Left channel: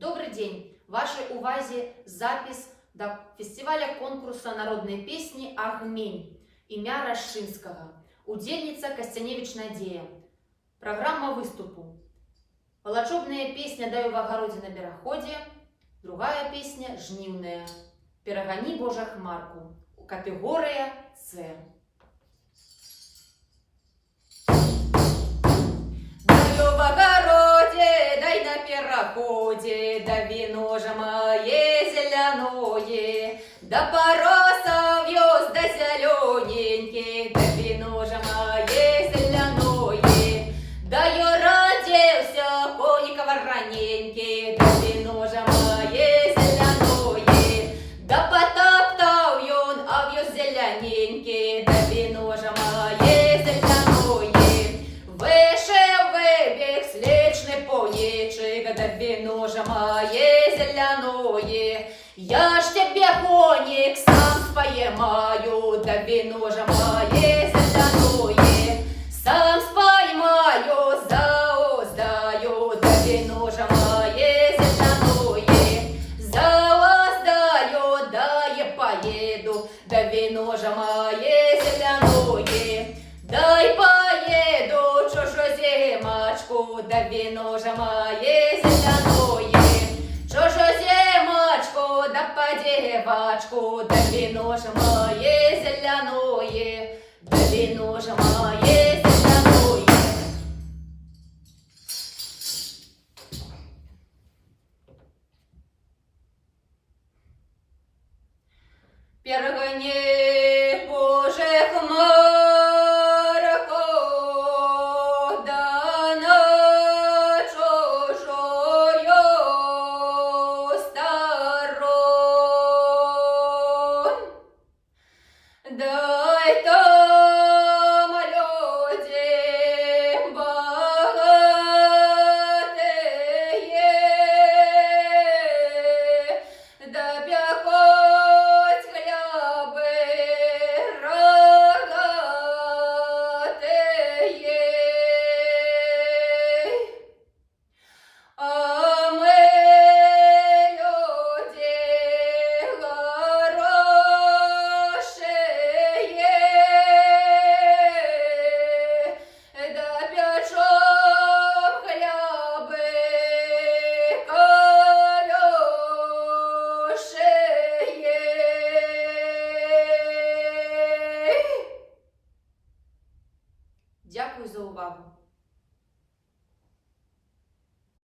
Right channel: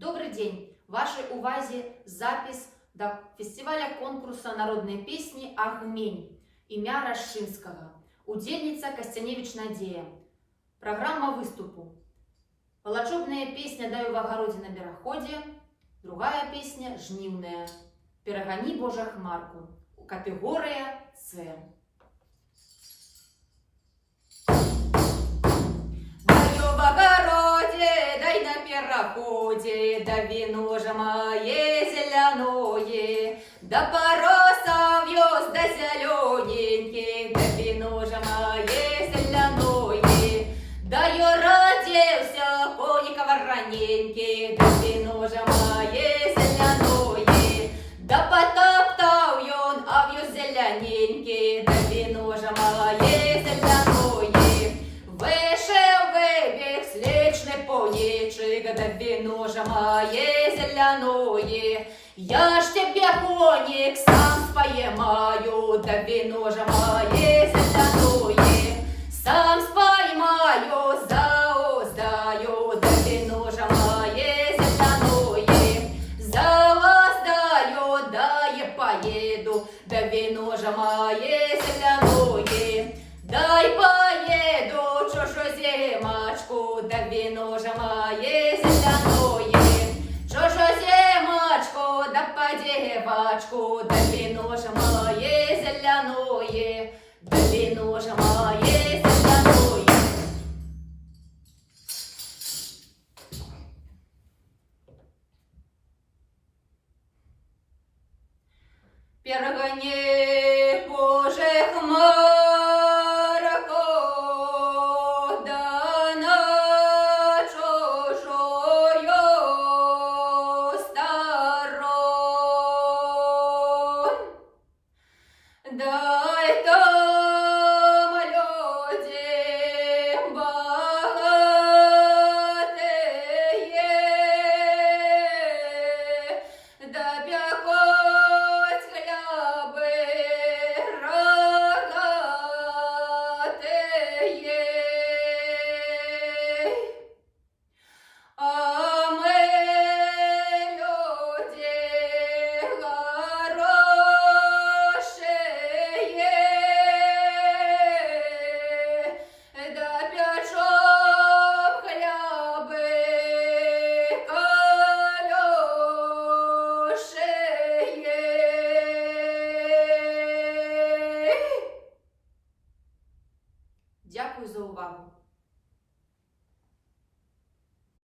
Добрый день! Вашей увазе запись до фестиваля конкурса народной песни «Агмень» імя Рашинского. Удельница Костяневич Надея. Программа выступу. Волочобная песня «Даю в огороде на бероходе». Другая песня «Жнивная». «Перегони, Божа, хмарку». Категория С. Даю в огороде, дай на переходе, да вино же мое зеленое, да пароса вьез, да зелененький, да вино же мое зеленое, да я родился, коникова раненький, да вино же мое зеленое, да потоптал ён, а вьез зелененький, да вино же мое зеленое. Вышел выбег сличный понечик, да вино же мое зеленое. Я ж тебе, коник, сам споймаю, да вино же мое зеленое. Сам споймаю, зауздаю, да вино же мое зеленое. Зауздаю, да я поеду, да вино же мое зеленое. Дай поеду чужую зимочку, да вино же мое зеленое. Чужую зимочку, да по девочку, да вино же мое зеленое, да вино же мое зеленое. Перегони,